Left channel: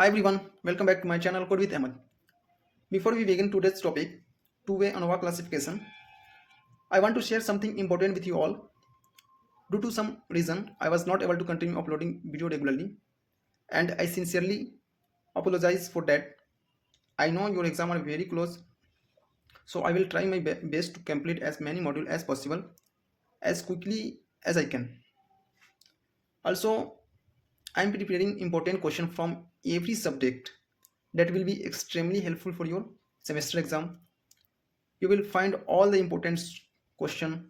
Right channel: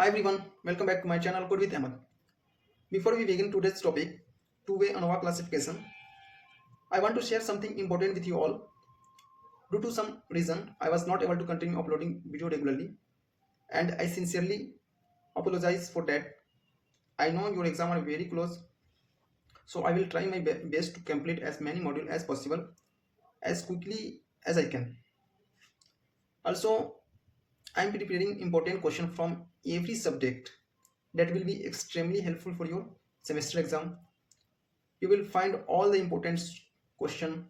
Hi everyone, welcome back to my channel Code with Ahmed. Before we begin today's topic, two-way ANOVA classification, I want to share something important with you all. Due to some reason, I was not able to continue uploading video regularly, and I sincerely apologize for that. I know your exam are very close, so I will try my best to complete as many modules as possible, as quickly as I can. Also, I am preparing important question from every subject that will be extremely helpful for your semester exam. You will find all the important question,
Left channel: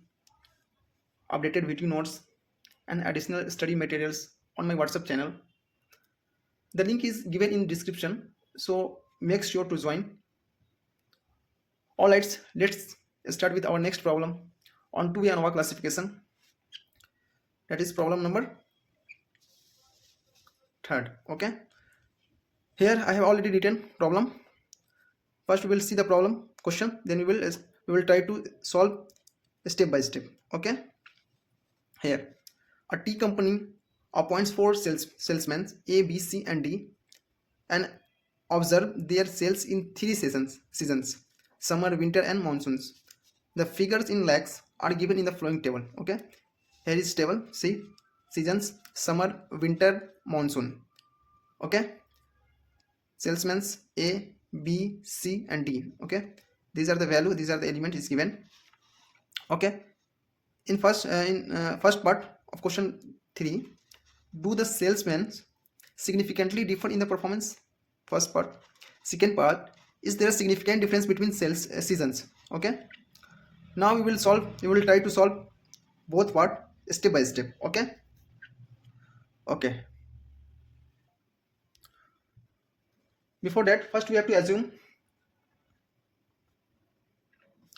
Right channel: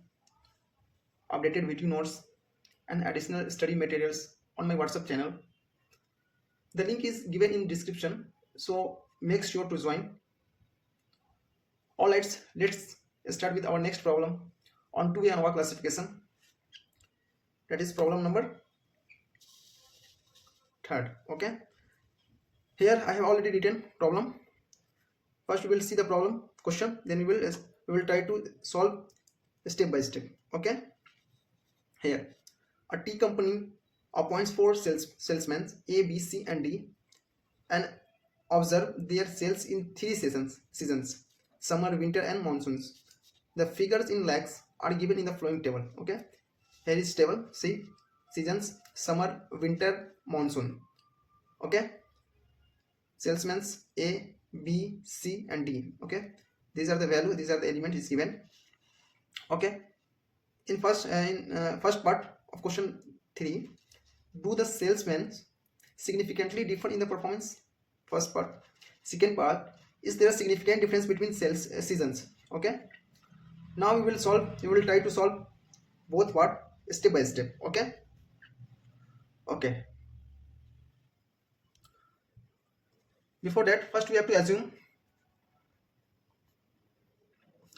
updated video notes, and additional study materials on my WhatsApp channel. The link is given in description, so make sure to join. All right, let's start with our next problem on two-way ANOVA classification. That is problem number 3rd. Okay. Here I have already written problem. First we will see the problem question, then we will try to solve step by step. Okay. Here, a tea company appoints four salesmen A, B, C, and D, and observe their sales in three seasons: summer, winter, and monsoons. The figures in lakhs are given in the following table. Okay, here is table. See, seasons: summer, winter, monsoon. Okay, salesmen A, B, C, and D. Okay, these are the value. These are the element is given. Okay, in first part of question 3, do the salesmen significantly differ in the performance? First part. Second part, is there a significant difference between sales seasons? Okay, now we will try to solve both part step by step. Okay, before that, first we have to assume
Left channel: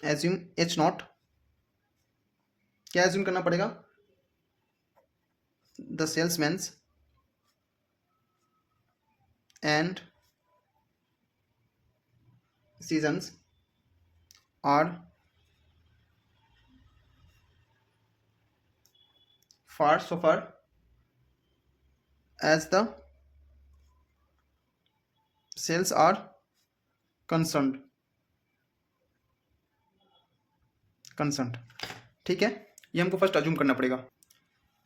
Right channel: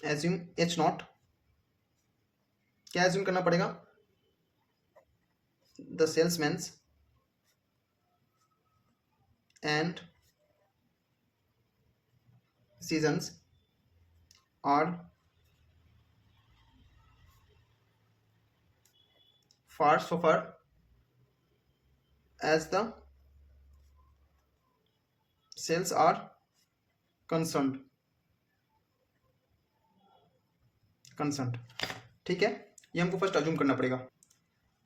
H naught. क्या assume करना पड़ेगा? The salesmen and seasons are so far as the sales are concerned. ठीक है, ये हमको first assume करना पड़ेगा.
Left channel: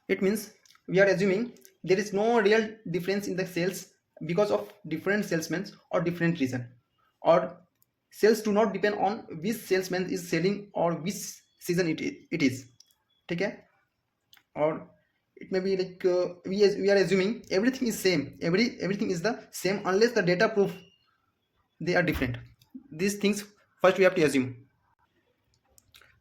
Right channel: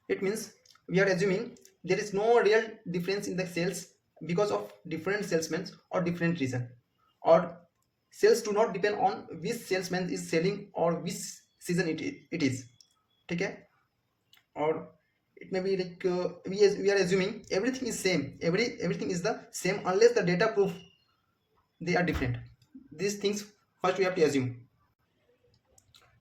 It means we are assuming there is no real difference in the sales because of different salesmen or different reason, or sales do not depend on which salesman is selling or which season it is. ठीक है, or it may be like we are assuming everything is same, everything is the same unless the data proof they are different. These things first we have to assume.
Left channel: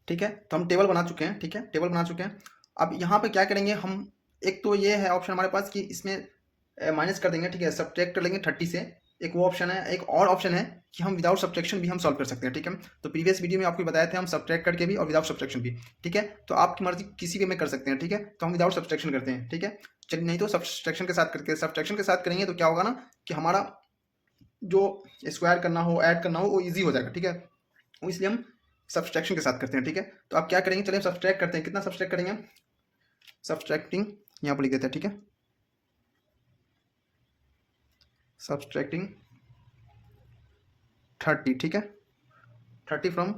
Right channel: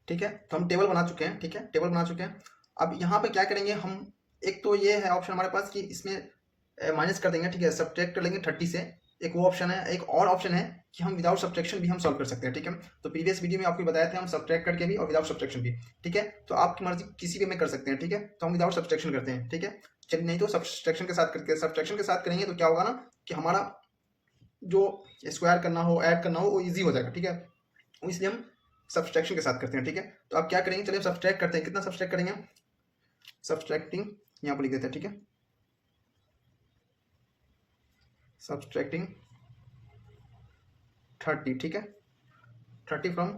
ठीक है, तो हम table बना चुके हैं. ठीक है, टेबल बना चुके हैं. अब यहाँ पे क्या करेंगे हम, एक तो ये है ऑप्शन हमारे पास कि इसमें माइनस कर देंगे. ठीक है, सब्ट्रैक्ट कर लेंगे 30 से. एक वो ऑप्शन है. एक और ऑप्शन है कि हम विदाउट सब्ट्रैक्शन भी हम सॉल्व कर सकते हैं. ठीक है, तो प्रीवियस वीडियो में आपको बताया था हम सब्ट्रैक्ट करके भी और विदाउट सब्ट्रैक्शन भी. ठीक है, तो आपकी मर्जी किसी वे में कर सकते हैं. ठीक है, तो हम विदाउट सब्ट्रैक्शन करते हैं. ठीक है, चलिए, नहीं तो सब्ट्रैक्शन के साथ करेंगे तो क्या होगा ना कि हमारा जो स्क्वायर करना हो, ऐड करना हो, वो ईजी हो जाएगा. ठीक है, इसलिए हम सब्सट्रैक्शन के साथ करते हैं. ठीक है, तो आप क्या करेंगे, चलिए सब्सट्रैक्ट करते हैं. कितना सब्सट्रैक्ट करेंगे? सब्सट्रैक्टिंग यहाँ पर लिख देते हैं. ठीक है, सब्सट्रैक्टिंग 30. ठीक है, 30 फ्रॉम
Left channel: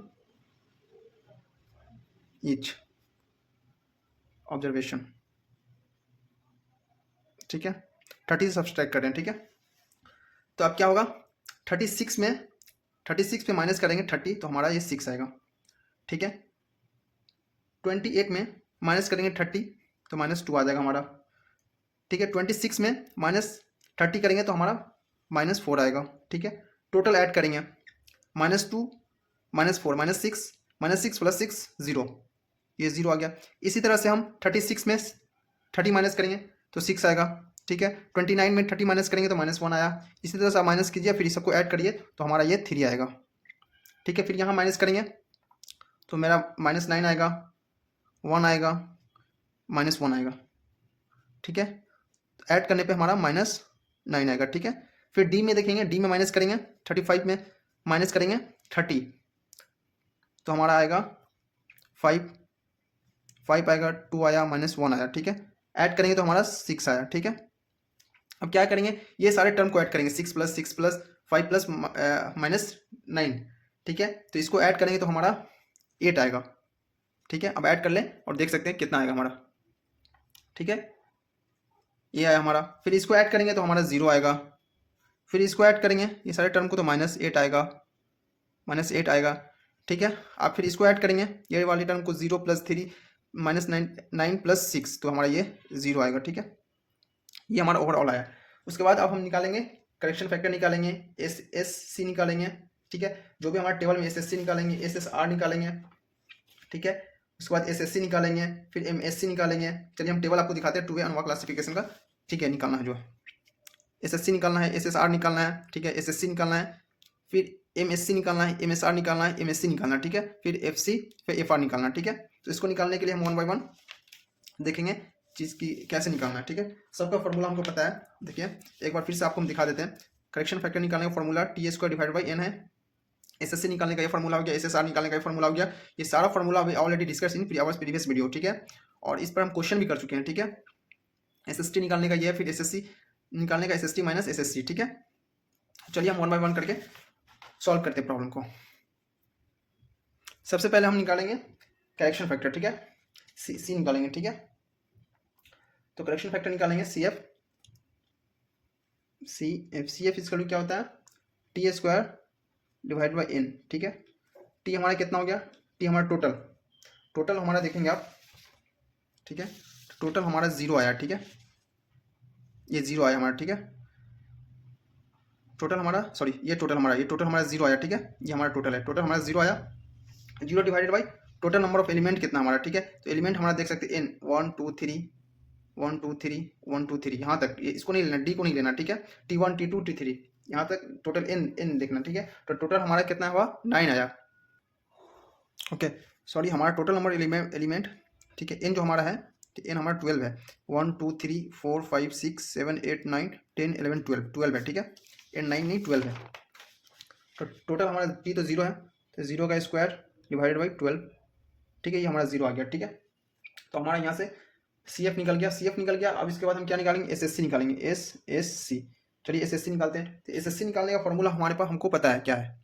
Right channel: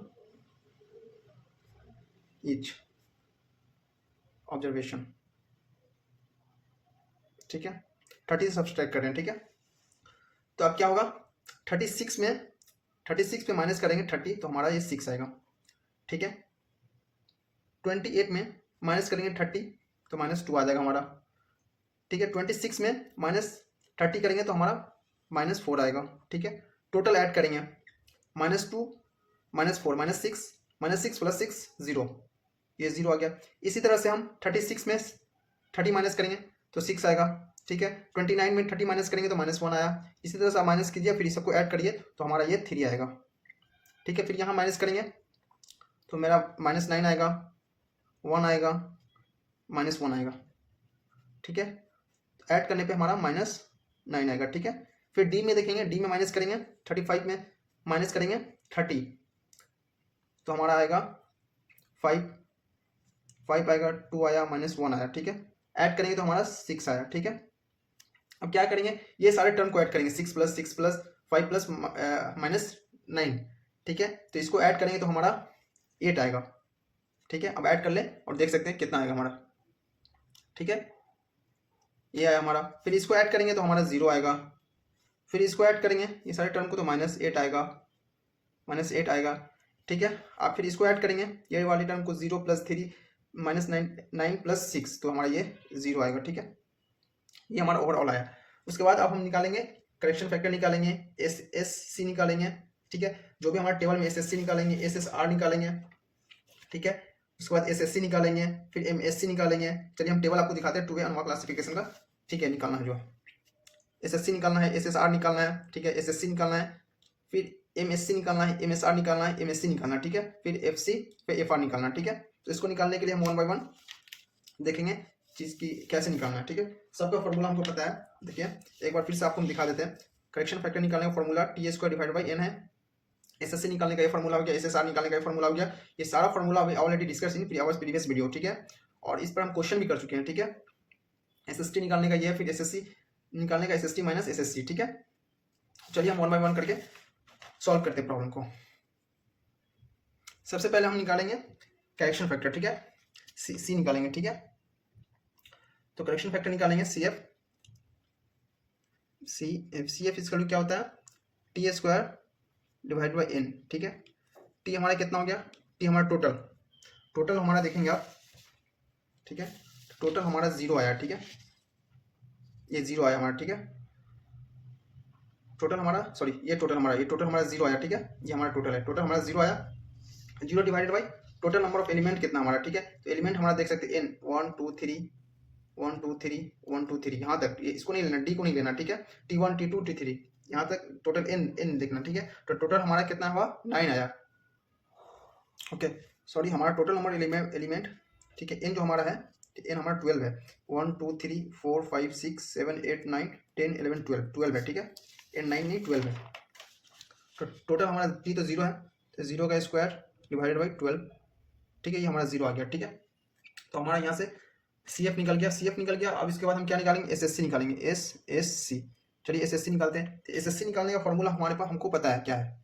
ईच ऑब्जर्वेशन. ठीक है, 30 से सब्सट्रैक्ट कर रहे हैं. ठीक है, तो अब क्या होगा, 36 पे माइनस करेंगे 30 तो हमारा ये 6 आएगा. ठीक है, 28 में माइनस करेंगे 30 तो -2 आ जाएगा हमारा. ठीक है, 26 में -30 करेंगे तो हमारा -4 आएगा. ठीक है, टोटल ऐड करेंगे -2 -4 -6 + 6 0, ये 0 आ गया. इसी तरह से हम 36 में 30 माइनस करेंगे तो 6 आएगा. ठीक है, 29 में 30 माइनस करेंगे तो -1 आया. इसी तरह से आप माइनस कीजिए, फिर सबको ऐड करिए तो हमारा ये 3 आएगा. ठीक है, फिर यहाँ माइनस करेंगे तो मेरा -9 आएगा, 1 आएगा, -1 आएगा. ठीक है, तो ऐड करने पे हमारा -9 आएगा. ठीक है, फिर डी में देखेंगे, डी में माइनस करेंगे 35 में माइनस करेंगे 30 तो हमारा आएगा 5 आएगा, 2 आया, -1 आया. ठीक है, ऐड करेंगे तो हमारा 6 आया. ठीक है, अब क्या करेंगे, ये सारे टर्म को ऐड करेंगे, 6+6+5+-9, ठीक है। तो इसको ऐड करेंगे तो हमारा 8 आएगा, ठीक है। अब ऐड कर लें और देख सकते हैं कितना आएगा हमारा, ठीक है। ये आया हमारा, फिर इसको ऐड करेंगे तो हमारा 0 आएगा, फिर इसको ऐड करेंगे ये सारे टर्म को तो -8 आएगा, -8 आएगा, ठीक है। अब फिर इसको ऐड करेंगे ये वाली टर्म को, 0+3 -9 + 6, तो हमारा ये 0 आएगा, ठीक है। ये हमारा ओवरऑल आया। उसके बाद अब हम निकालेंगे करेक्शन फैक्टर, निकालेंगे SSC निकालेंगे, ठीक है। जो भी हमारे टेबल में SSC निकालेंगे, SSR निकालेंगे, ठीक है। उसके बाद SSC निकालेंगे, फिर MSC निकालेंगे। चलिए हम टेबल आपको दिखाते हैं 2A अनोवा क्लासिफिकेशन का, ठीक है। निकालना है जो SSC निकालना है, SSR निकालना है, ठीक है। SSC निकालना है, फिर MSC निकालना है, MSR निकालना है, MSC निकालना है, ठीक है। फिर FC, फिर FR निकालना है, ठीक है। तो इसको निकालने के लिए हम 1 बाय 1 देखेंगे चीज़ की कैसे निकालना है, ठीक है। सबका फॉर्मूला हमको पता है, देखिए एक बार फिर से आपको हम दिखा देते हैं। करेक्शन फैक्टर निकालने का फॉर्मूला T² / N है। SSC निकालने का ये फॉर्मूला हो गया, SSR निकालने का ये फॉर्मूला हो गया। ये सारा फॉर्मूला अभी already discuss in previous video, ठीक है। और इस पर हम क्वेश्चन भी कर चुके हैं, ठीक है। SST निकालने का ये है, फिर SSC निकालने का SST - SSC, ठीक है। चलिए हम 1 बाय 1 करके सॉल्व करते हैं प्रॉब्लम को। सबसे पहले हम निकालेंगे करेक्शन फैक्टर, ठीक है। सी निकालेंगे, ठीक है। तो करेक्शन फैक्टर निकालेंगे CF इसका क्या होता है, T² / N, ठीक है। T हमारा कितना हो गया, T हमारा टोटल हमारा देखेंगे आप, ठीक है। टोटल हमारा 0 आया, ठीक है। ये 0 आया हमारा, ठीक है। टोटल हमारा ये टोटल हमारा 0 आया, ठीक है। ये हमारा टोटल है, टोटल हमारा 0 आया। 0 divided by total number of element कितना हमारा, ठीक है। तो एलिमेंट हमारा देख सकते हैं N 1 2 3 1 2 3 1 2 3, यहाँ तक। इसको नहीं लेना, D को नहीं लेना, ठीक है। T1 T2 T3 यहाँ तक टोटल N देखना, ठीक है। तो टोटल हमारा कितना हुआ, 9 आया, ओके। हमारा टोटल नंबर एलिमेंट, ठीक है। N जो हमारा है, N हमारा 12 है। 1 2 3 4 5 6 7 8 9 10 11 12 है, ठीक है। N 9 नहीं 12 है। तो टोटल हमारा T तो 0 है, तो 0 का स्क्वायर डिवाइडेड बाई 12, ठीक है। ये हमारा 0 आ गया, ठीक है। तो हमारा यहाँ से CF निकल गया। अब इसके बाद हम क्या निकालेंगे, SSC निकालेंगे, SSC। चलिए SSC निकालते हैं। तो SSC निकालने का फॉर्मूला हमारे पास हमको पता है क्या है।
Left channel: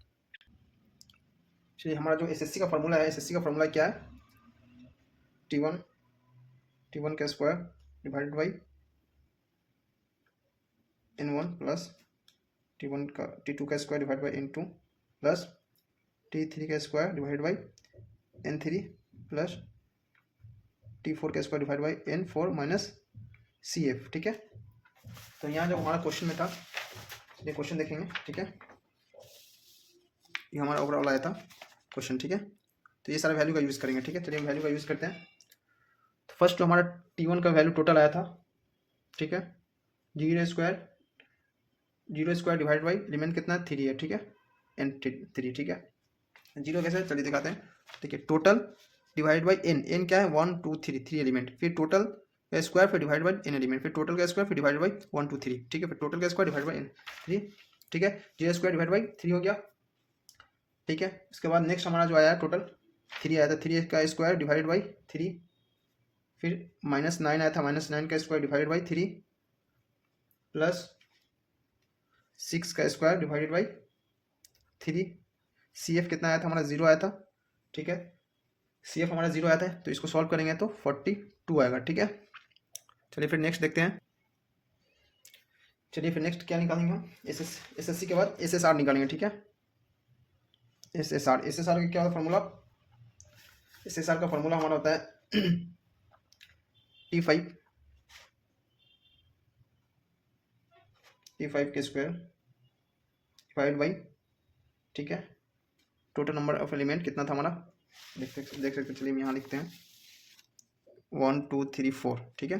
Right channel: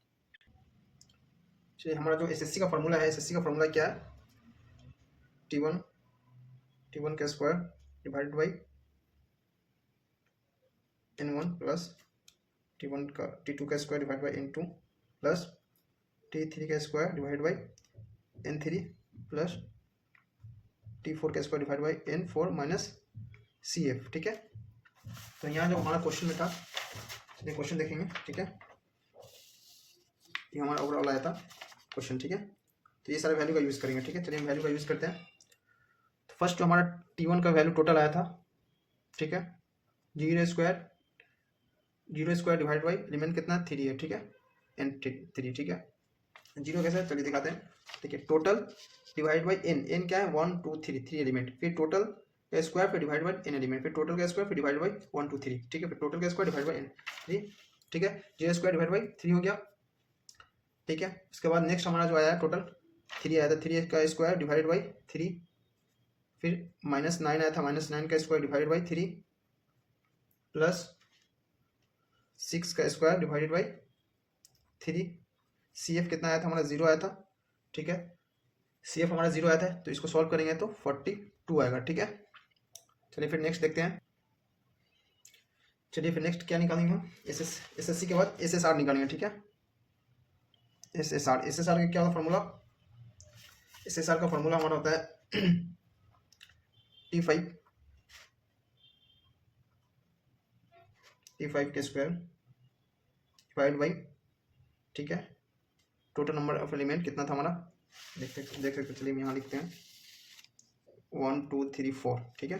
चलिए हमारा जो SSC का फॉर्मूला है, SSC का फॉर्मूला क्या है, T1 का square divided by N1 plus T2 का square divide by N2 plus T3 का square divide by N3 plus T4 का square divide by N4 minus CF, ठीक है। तो यहाँ जो हमारा क्वेश्चन में था, ये क्वेश्चन देखेंगे, ठीक है। ये हमारा ओवरऑल आया था क्वेश्चन, ठीक है। तो ये सारे वैल्यू का यूज़ करेंगे, ठीक है। चलिए हम वैल्यू का यूज़ करते हैं। तो फर्स्ट जो हमारा T1 का वैल्यू टोटल आया था, ठीक है। 0 स्क्वायर डिवाइड बाई एलिमेंट कितना 3 है, ठीक है। N3, ठीक है। 0 कैसे, चलिए दिखाते हैं। देखिए टोटल डिवाइड बाई N क्या है, 1 2 3 एलिमेंट, फिर टोटल का स्क्वायर, फिर डिवाइड बाई N एलिमेंट, फिर टोटल का स्क्वायर, फिर डिवाइड बाई 1 2 3, ठीक है। फिर टोटल का स्क्वायर डिवाइड बाई N3, ठीक है। 0 स्क्वायर डिवाइड बाई 3 हो गया, ठीक है। उसके बाद नेक्स्ट हमारा जो आया टोटल 3 आया था, 3 का स्क्वायर डिवाइड बाई 3, फिर -9 आया था, -9 का स्क्वायर डिवाइड बाई 3 प्लस 6 का स्क्वायर डिवाइडेड बाई 3। CF कितना आया था हमारा, 0 आया था, ठीक है। CF हमारा 0 आया था, तो इसको सॉल्व करेंगे तो 42 आएगा, ठीक है। चलिए फिर नेक्स्ट देखते हैं। चलिए फिर नेक्स्ट क्या निकालेंगे हम, SSC के बाद SSR निकालेंगे, ठीक है। SSR का क्या होता है फॉर्मूला, SSR का फॉर्मूला हमारा होता है T5 के स्क्वायर डिवाइड बाई, ठीक है, टोटल नंबर ऑफ एलिमेंट कितना था हमारा, देख सकते। चलिए हम यहाँ लिखते हैं 1 2 3 4, ठीक है।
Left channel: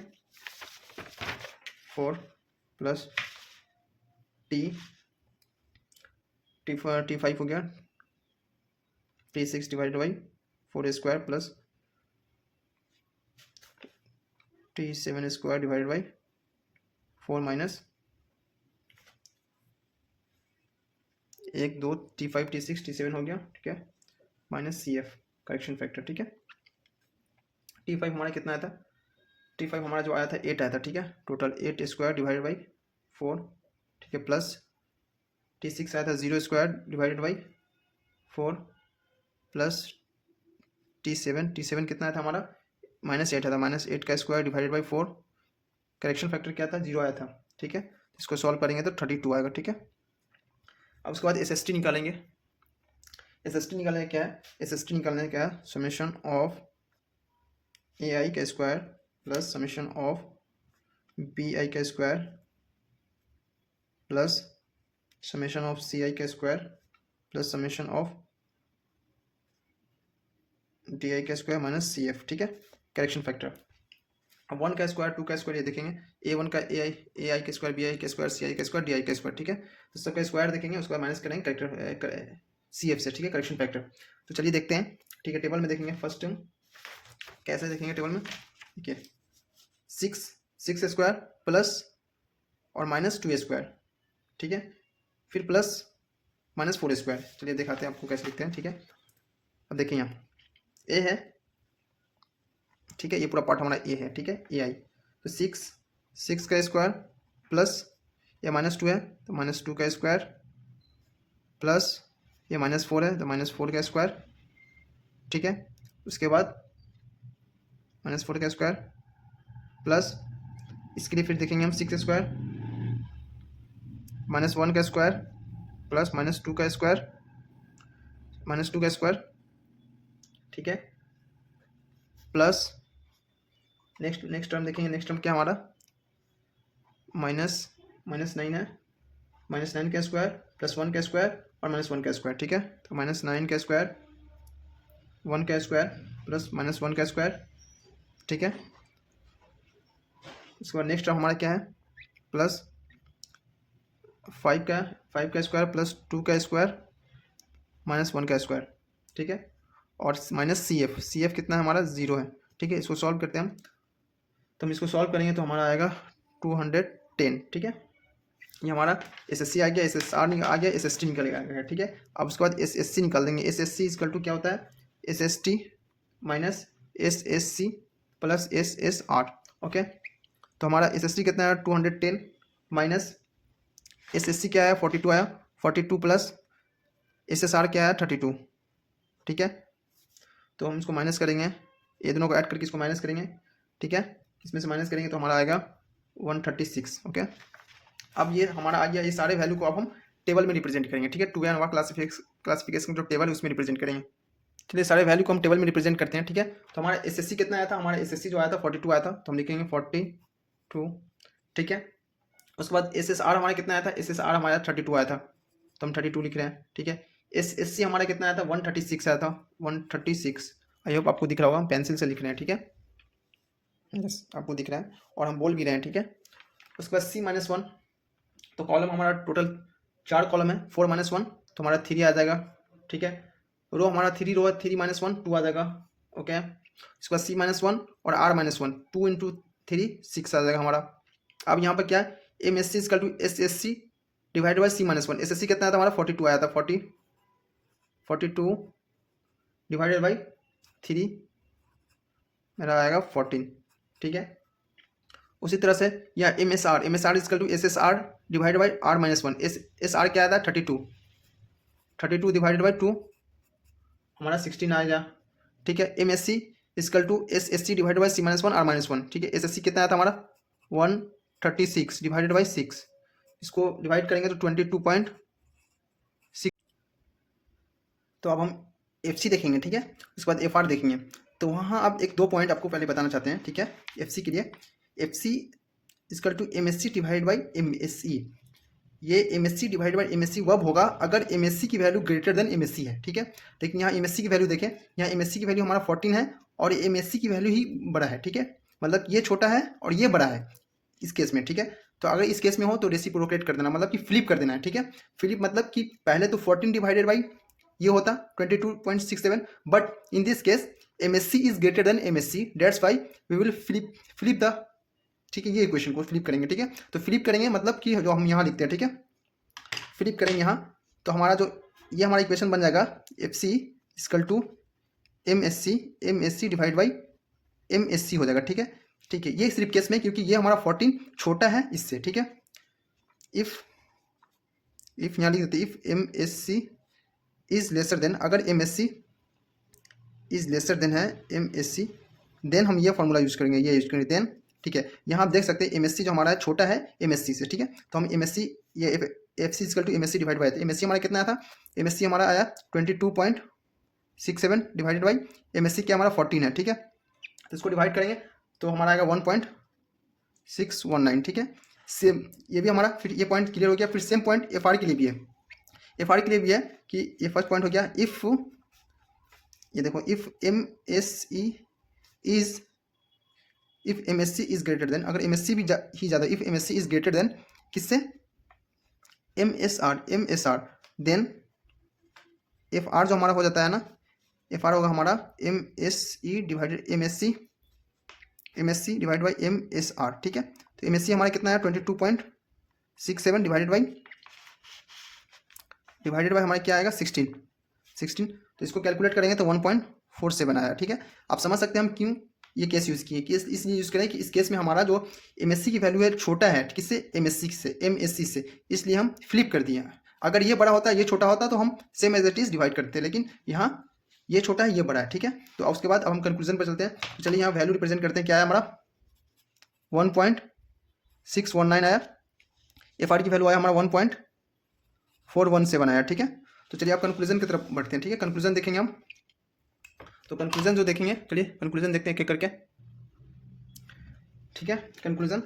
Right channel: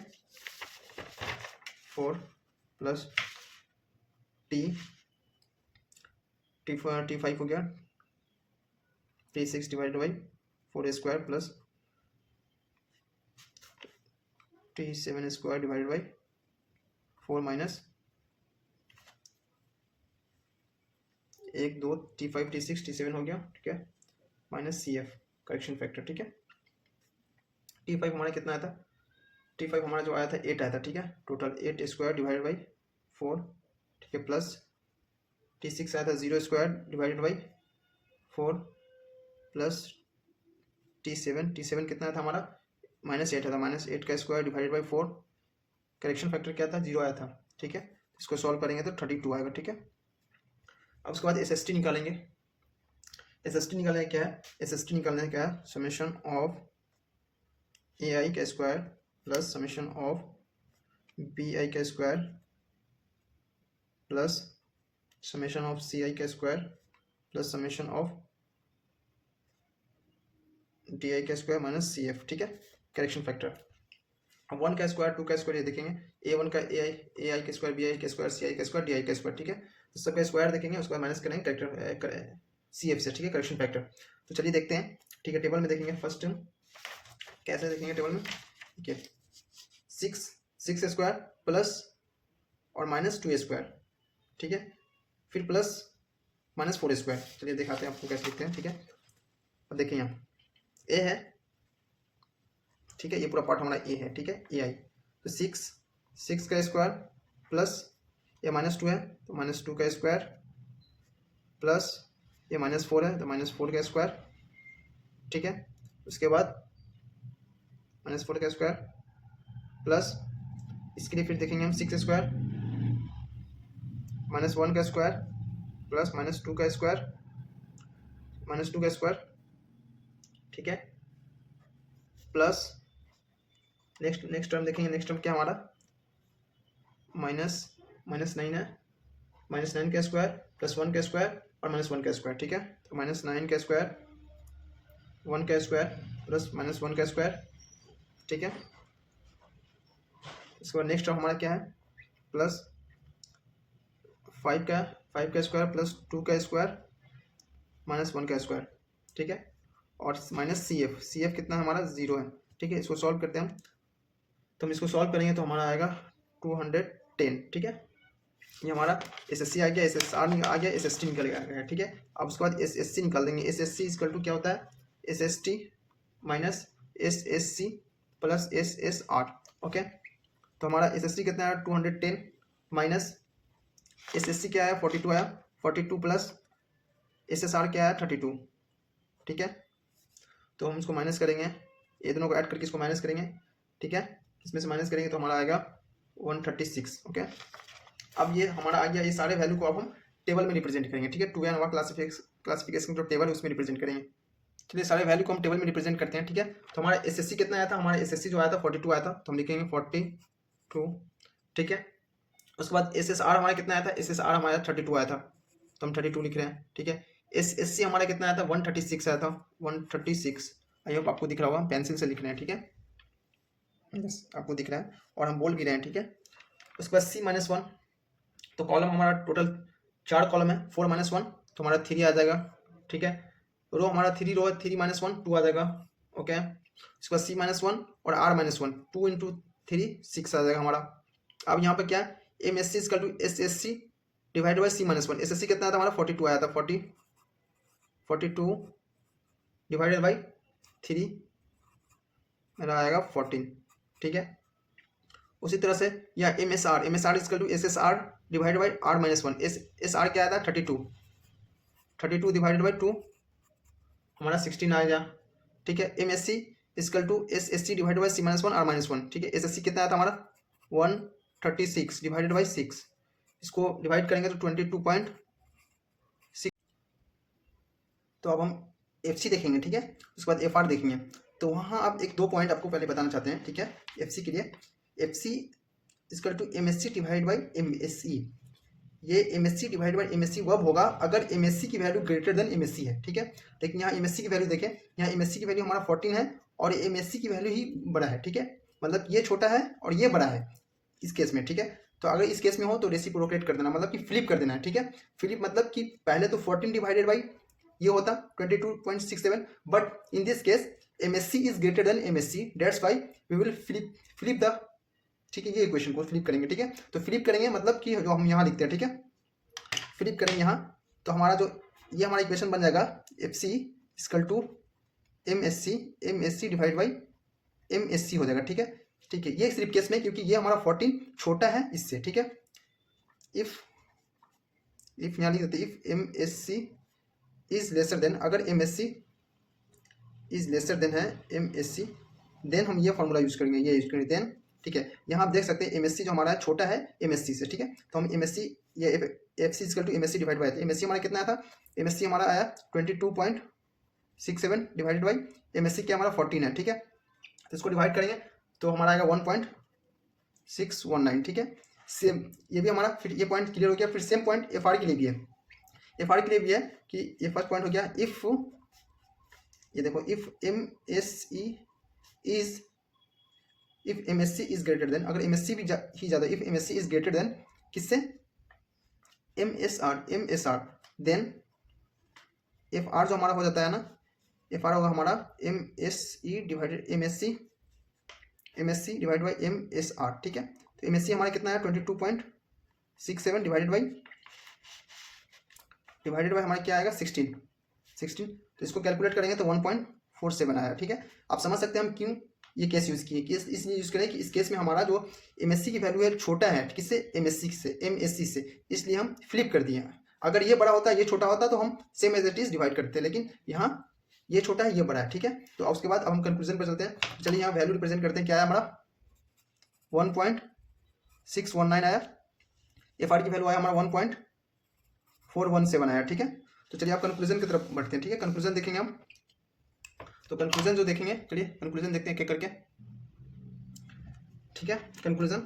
4 प्लस T5 हो गया, T6 divide by 4 square plus T7 square divide by 4 minus 1 2 T5 T6 T7 हो गया, ठीक है, माइनस CF करेक्शन फैक्टर, ठीक है। T5 हमारा कितना आया था, T5 हमारा जो आया था 8 आया था, ठीक है। टोटल 8 स्क्वायर डिवाइड बाई 4, ठीक है, प्लस T6 आया था 0 square divided by 4 plus T7 कितना आया था हमारा -8 आया था, -8 का square divided by 4, correction factor क्या था 0 आया था, ठीक है। इसको सॉल्व करेंगे तो 32 आएगा, ठीक है। अब उसके बाद SST निकालेंगे। SST निकालने क्या है, SST निकालने क्या है, समेशन ऑफ AI का square plus summation of BI का square plus summation of CI का square plus summation of DI का स्क्वायर माइनस CF, ठीक है, करेक्शन फैक्टर। अब 1 का स्क्वायर 2 का स्क्वायर ये देखेंगे, A1 का AI का स्क्वायर BI का स्क्वायर CI का स्क्वायर DI का स्क्वायर, ठीक है। तो सबका स्क्वायर देखेंगे, उसके बाद माइनस करेंगे करेक्टर CF से, ठीक है, करेक्शन फैक्टर। तो चलिए देखते हैं, ठीक है। टेबल में देखेंगे फर्स्ट कैसे देखेंगे टेबल में, ठीक है। 6 स्क्वायर प्लस और -2 स्क्वायर, ठीक है, फिर प्लस -4 स्क्वायर। चलिए दिखाते हैं आपको कैसे लिखते हैं, ठीक है। अब देखिए यहाँ ए है, ठीक है, ये पूरा पार्ट हमारा ए है, ठीक है, AI। तो 6 का स्क्वायर प्लस ये -2 है तो -2 का स्क्वायर प्लस ये -4 है तो -4 का स्क्वायर, ठीक है। उसके बाद -4 का स्क्वायर प्लस इसके लिए फिर देखेंगे हम 6 स्क्वायर -1 का स्क्वायर प्लस -2 का स्क्वायर -2 का स्क्वायर, ठीक है, प्लस नेक्स्ट टर्म देखेंगे। नेक्स्ट टर्म क्या हमारा -9 है, -9 का स्क्वायर प्लस 1 का स्क्वायर और -1 का स्क्वायर, ठीक है। तो -9 का स्क्वायर 1 का स्क्वायर प्लस -1 का स्क्वायर, ठीक है। उसके बाद नेक्स्ट टर्म हमारा क्या है, प्लस 5 का स्क्वायर प्लस 2 का स्क्वायर -1 का स्क्वायर, ठीक है, और माइनस CF कितना है हमारा 0 है, ठीक है। इसको सॉल्व करते हैं हम, तो हम इसको सॉल्व करेंगे तो हमारा आएगा 210, ठीक है। ये हमारा SSC आ गया, SSR आ गया, SST निकल गया, ठीक है। अब उसके बाद SSC निकाल देंगे। SSC इक्वल टू क्या होता है, SST minus SSC plus SSR, okay. तो हमारा SSC कितना है 210 माइनस SSC क्या है 42 आया, 42 प्लस SSR क्या है 32, ठीक है। तो हम इसको माइनस करेंगे, ये दोनों को ऐड करके इसको माइनस करेंगे, ठीक है। इसमें से माइनस करेंगे तो हमारा आएगा 136, ओके। अब ये हमारा आ गया, ये सारे वैल्यू को अब हम टेबल में रिप्रेजेंट करेंगे, ठीक है। 2n क्लासिफिकेशन जो टेबल है उसमें रिप्रेजेंट करेंगे। चलिए सारे वैल्यू को हम टेबल में रिप्रेजेंट करते हैं, ठीक है। तो हमारा SSC कितना आया था, हमारा SSC जो आया था 42 आया था, तो हम लिखेंगे 42, ठीक है। उसके बाद SSR हमारा कितना आया था, SSR हमारा 32 आया था, तो हम 32 लिख रहे हैं, ठीक है। SSC हमारा कितना आया था 136 आया था, 136। आई होप आपको दिख रहा होगा, हम पेंसिल से लिख रहे हैं, ठीक है, यस आपको दिख रहा है और हम बोल भी रहे हैं, ठीक है। उसके बाद C-1, तो कॉलम हमारा टोटल 4 कॉलम है, 4 - 1 तो हमारा 3 आ जाएगा, ठीक है। रो हमारा 3 रो है, 3 - 1 2 आ जाएगा, ओके। उसके बाद C-1 और R-1 2 × 3 6 आ जाएगा हमारा। अब यहाँ पर क्या है, MSC equal to SSC divide by C-1। SSC कितना आया था हमारा 42 आया था, 42 डिवाइडेड बाई 3 मेरा आएगा 14, ठीक है। उसी तरह से यह MSR equal to SSR divide by R-1। SR क्या आया था 32 डिवाइडेड बाई 2 हमारा 16 आ गया, ठीक है। MSC equal to SSC divide by C-1 R-1, ठीक है। SSC कितना आया था हमारा 136 डिवाइडेड बाई 6, इसको डिवाइड करेंगे तो 22.6। तो अब हम FC देखेंगे, ठीक है। उसके बाद FR देखेंगे। तो वहाँ अब एक दो पॉइंट आपको पहले बताना चाहते हैं, ठीक है। FC के लिए FC equal to MSC divide by MSE। ये MSC डिवाइड बाई MSC वब होगा अगर MSC की वैल्यू ग्रेटर देन MSC है, ठीक है। लेकिन यहाँ MSC की वैल्यू देखें, यहाँ MSC की वैल्यू हमारा 14 है और MSC की वैल्यू ही बड़ा है, ठीक है। मतलब ये छोटा है और ये बड़ा है इस केस में, ठीक है। तो अगर इस केस में हो तो रेसिप्रोकेट कर देना, मतलब कि फ्लिप कर देना है, ठीक है। फ्लिप मतलब कि पहले तो 14 डिवाइडेड बाई ये होता 22.67, but in this case MSC is greater than MSC, that's why we will flip the, ठीक है, ये इक्वेशन को फ्लिप करेंगे, ठीक है। तो फ्लिप करेंगे मतलब कि जो हम यहाँ लिखते हैं, ठीक है, फ्लिप करेंगे यहाँ, तो हमारा जो ये हमारा इक्वेशन बन जाएगा FC equal to MSC divide by MSC हो जाएगा, ठीक है। ठीक है, ये सिर्फ केस में क्योंकि ये हमारा 14 छोटा है इससे, ठीक है। इफ यहाँ लिख देते if M S C is lesser than, अगर M S C is lesser than है एम एस सी, देन हम ये फॉर्मूला यूज करेंगे, ये यूज करेंगे देन। ठीक है, यहाँ आप देख सकते हैं एम एस सी जो हमारा है छोटा है एम एस सी से। ठीक है, तो हम एम एस सी ये F C equal to M S C divide by, M S C हमारा कितना आया था, एम एस सी हमारा आया 22.67 divided by M S C क्या हमारा 14 है। ठीक है, तो इसको डिवाइड करेंगे तो हमारा आएगा 1.619। ठीक है, सेम ये भी हमारा, फिर ये पॉइंट क्लियर हो गया। फिर सेम पॉइंट एफ आर के लिए भी है, एफ आर के लिए भी है कि ये फर्स्ट पॉइंट हो गया, इफ ये देखो if M S E is, if M S C is greater than, अगर एम एस सी भी ही ज़्यादा, if M S C is greater than किससे, M S R, then F R जो हमारा हो जाता है ना, एफ आर होगा हमारा M S E divided M S C divide by M S R. ठीक है, तो एम एस सी हमारा कितना है 22.67 डिवाइडेड बाई हमारा क्या आएगा 16। तो इसको कैलकुलेट करेंगे तो 1.47 आया। ठीक है, आप समझ सकते हैं हम क्यों ये केस यूज़ किए, केस इसलिए यूज़ करें कि इस केस में हमारा जो एम एस सी की वैल्यू है छोटा है किससे, एम एस सी से, इसलिए हम फ्लिप कर दिए। अगर ये बड़ा होता, ये छोटा होता तो हम same as it is divide करते, लेकिन यहाँ ये छोटा है ये बड़ा है। ठीक है, तो उसके बाद अब हम कंक्लूजन पर चलते हैं। तो चलिए यहाँ वैल्यू रिप्रेजेंट करते हैं, क्या है हमारा 1.619 आया, एफ आर की वैल्यू आया हमारा 1.417 आया। ठीक है, तो चलिए आप कंक्लूजन की तरफ बढ़ते हैं। ठीक है, कंक्लूजन देखेंगे हम, तो कंक्लूजन जो देखेंगे, चलिए कंक्लूजन देखते हैं एक करके। ठीक है, कंक्लूजन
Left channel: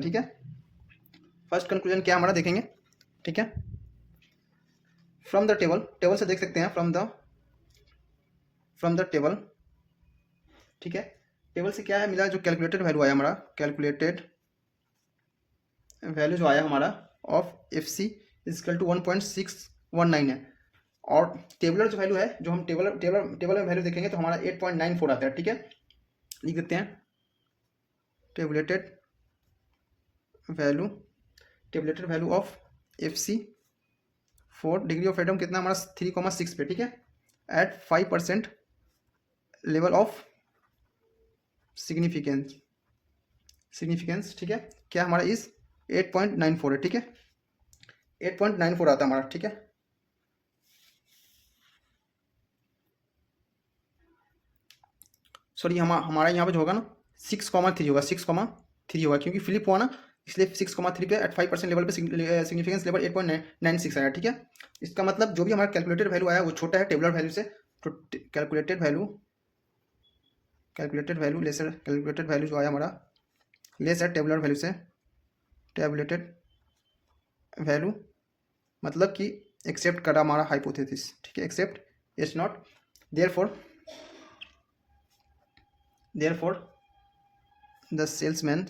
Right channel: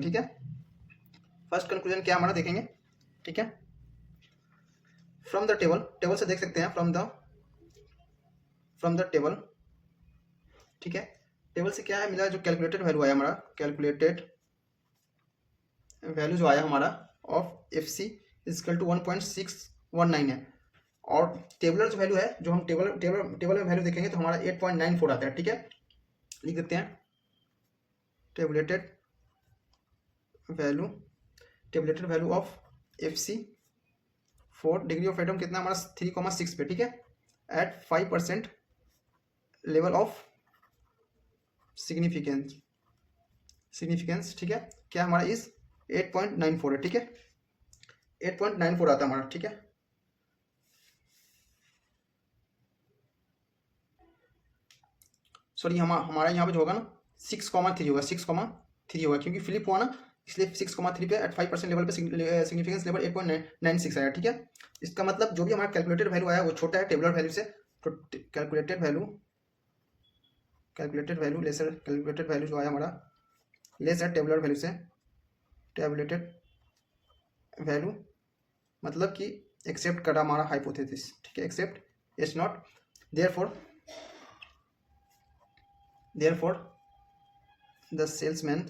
ठीक है, फर्स्ट कंक्लूजन क्या हमारा देखेंगे। ठीक है, फ्रॉम द टेबल से देख सकते हैं, फ्रॉम द टेबल। ठीक है, टेबल से क्या है मिला, जो कैलकुलेटेड वैल्यू आया हमारा, कैलकुलेटेड वैल्यू जो आया हमारा of F C equal to 1.619 है, और टेबलर जो वैल्यू है, जो हम टेबल में वैल्यू देखेंगे तो हमारा 8.94 आता है। ठीक है, लिख देते हैं tabulated value of F C for degree of freedom कितना हमारा 3,6 पे। ठीक है, एट 5% लेवल ऑफ सिग्निफिकेंस। ठीक है, क्या हमारा इस 8.94 है। ठीक है, 8.94 आता है हमारा। ठीक है, सॉरी हमारा यहाँ पे जो होगा ना 6,3 होगा, 6,3 होगा, क्योंकि फ्लिप हुआ ना, इसलिए 6,3 पे एट 5% लेवल पे सिग्निफिकेंस लेवल 8.96 आया। ठीक है, इसका मतलब जो भी हमारा कैलकुलेटेड वैल्यू आया वो छोटा है टेबुलर वैल्यू से, तो कैलकुलेटेड वैल्यू जो आया हमारा लेस है टेबुलर वैल्यू से, टेबुलेटेड वैल्यू मतलब कि एक्सेप्ट करा हमारा हाइपोथेसिस। ठीक है, accept it's not, therefore the salesmen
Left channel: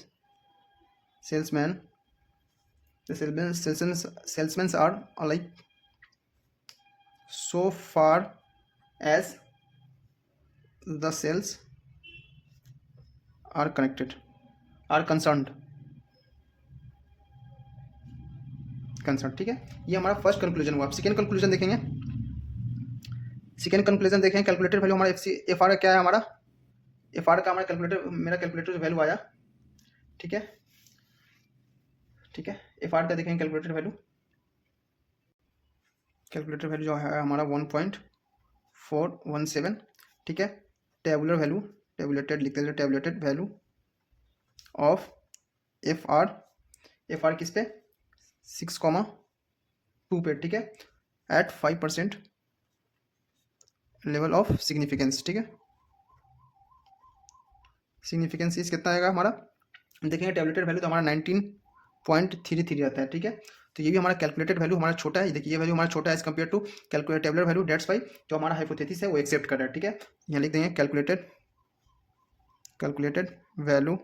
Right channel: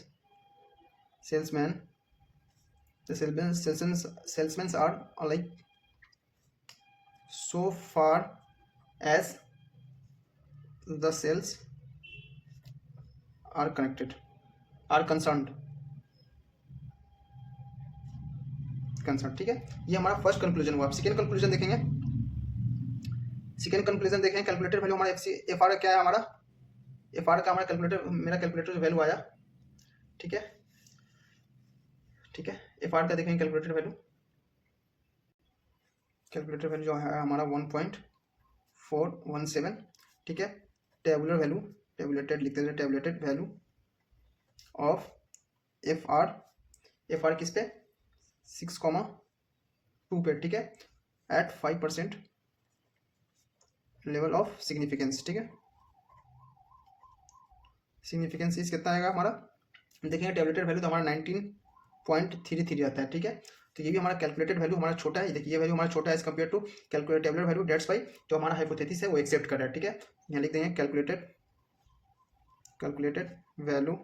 are like, so far as the sales are concerned। ठीक है, ये हमारा फर्स्ट कंक्लूजन हुआ। अब सेकेंड कंक्लूजन देखेंगे। कैलकुलेटेड वैल्यू हमारा एफ आर क्या है हमारा, एफ आर का हमारा मेरा कैलकुलेटर वैल्यू आया। ठीक है, एफ आर का देखेंगे कैलकुलेटर वैल्यू जो है हमारा 1.417। ठीक है, टेबुलेटेड लिखते हैं, tabulated value of F R किस पे 6,2 पे। ठीक है, एट 5% लेवल ऑफ सिग्निफिकेंस। ठीक है, सिग्निफिकेंस इस कितना आएगा हमारा, देखेंगे टेबलेटेड वैल्यू तो हमारा 19.33 आता है। ठीक है, तो ये भी हमारा कैलकुलेटेड वैल्यू हमारा छोटा है, देखिए ये वैल्यू हमारा छोटा है as compare to tabular value, that's why जो हमारा हाइपोथेसिस है वो एक्सेप्ट कर रहा है। ठीक है, यहाँ लिख देंगे calculated value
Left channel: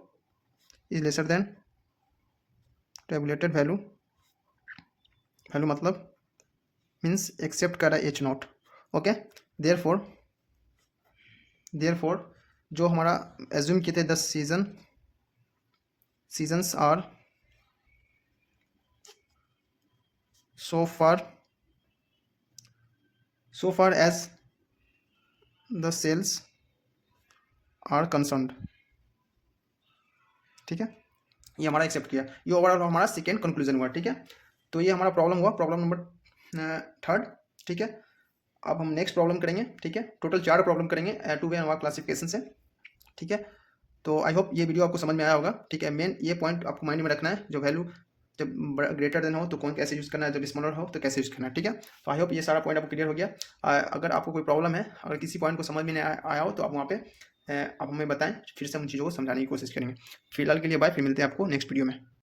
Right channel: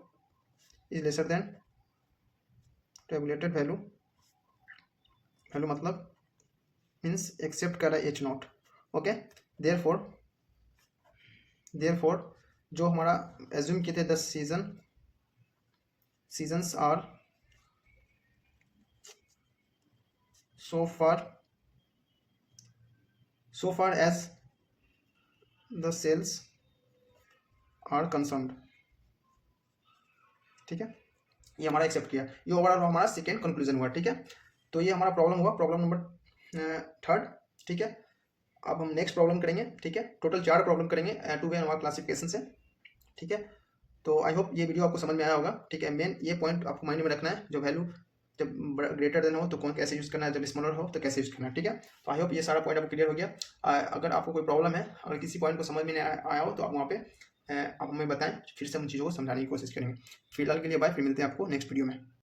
is lesser then tabulated value मतलब मीन्स एक्सेप्ट कर रहा है एच नॉट। ओके, देयरफॉर जो हमारा एज्यूम किए थे 10 seasons are so far as the sales are concerned। ठीक है, ये हमारा एक्सेप्ट किया। ये ओवरऑल हमारा सेकेंड कंक्लूजन हुआ, ठीक है। तो ये हमारा प्रॉब्लम हुआ, प्रॉब्लम नंबर थर्ड, ठीक है। अब हम नेक्स्ट प्रॉब्लम करेंगे, ठीक है। टोटल 4 प्रॉब्लम करेंगे टू वे हमारा क्लासिफिकेशन से, ठीक है। तो आई होप ये वीडियो आपको समझ में आया होगा, ठीक है। मेन ये पॉइंट आपको माइंड में रखना है, जो वैल्यू जब ग्रेटर देन हो तो कौन कैसे यूज़ करना है, जब स्मॉलर हो तो कैसे यूज़ करना है, ठीक है। तो आई होप ये सारा पॉइंट आपको क्लियर हो गया। अगर आपको कोई प्रॉब्लम है, अगर किसी पॉइंट को समझ में नहीं आया हो तो आप वहाँ पे आप हमें बताएं, फिर से हम चीज़ों को समझाने की कोशिश करेंगे। फिलहाल के लिए बाय, फिर मिलते हैं आपको नेक्स्ट वीडियो में।